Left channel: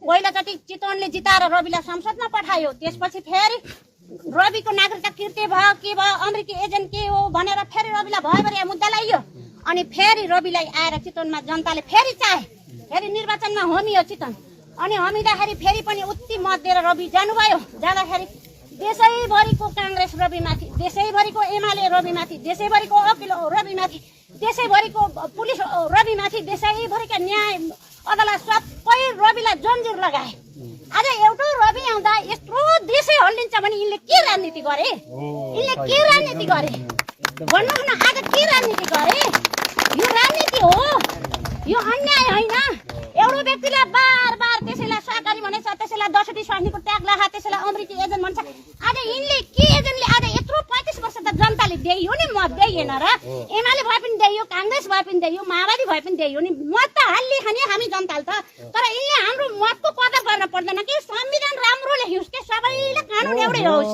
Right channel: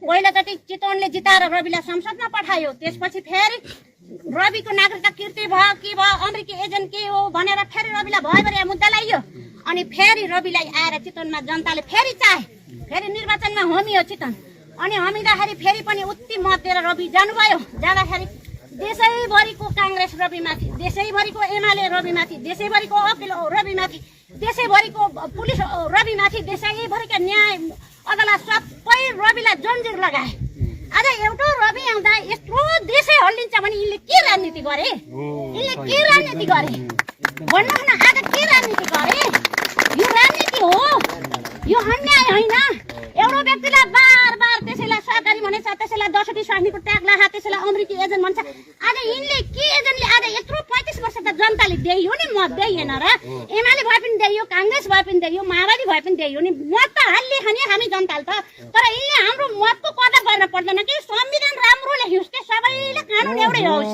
पहिलोचोटि चितवनले जिताएर रविलाई संसदमा पठायो। त्यसपछि फेरि रविको नागरिकता किर्ते भयो के भयो अमेरिकी एजेन्ट के हो भनेर फेरि रविलाई भयभरि मुद्दा लगाइयो। अनि फेरि रविलाई आएर चितवनमा जनताले फेरि चाहे, फेरि निर्वाचनमा होमियो चितवन। अनि होमिँदाखेरि फेरि पनि उति मत दिएर रवि जानुभयो। जाँदाखेरि देशैभरिको काङ्ग्रेस रविमाथि, देशैभरिको एमाले रविमाथि, देशैभरिको अपिल रविमाथि, देशैभरिको पुलिस रविमाथि, देशैभरिका न्याय अदालत सबै रविलाई जन्जिर लगाए। आज एउटा रवि आउँदा यत्रो देशै हल्लिन्छ भने यिनले के राजनीति गरे? यिनले के राजनीति गरे भन्नुहोस् न। आज के राजनीति गरे? यो राजनीति हो, यो अन्याय होइन। एउटा व्यक्तिलाई बार बार त्यसैलाई सहकारी भनेछ, त्यसैलाई 10वटी स्वास्नीको ट्याग लगा, त्यसैलाई अमेरिकी एजेन्ट भन्छ। आज यिनले के एजेन्टले आज यत्रो 35 वर्ष त जनताले दियो नि, मत दिएन र? एमाले भए पनि दियो, काङ्ग्रेस भए पनि दियो, माओवादी भए पनि दियो नि। मत त हाल्ने खाने हामी जनताले त। तर यिनले हाम्रो मतको कदर गर्न पर्दैन कि संविधान राम्रो लेखियोस् कि सबैले कानुन एउटै होस्।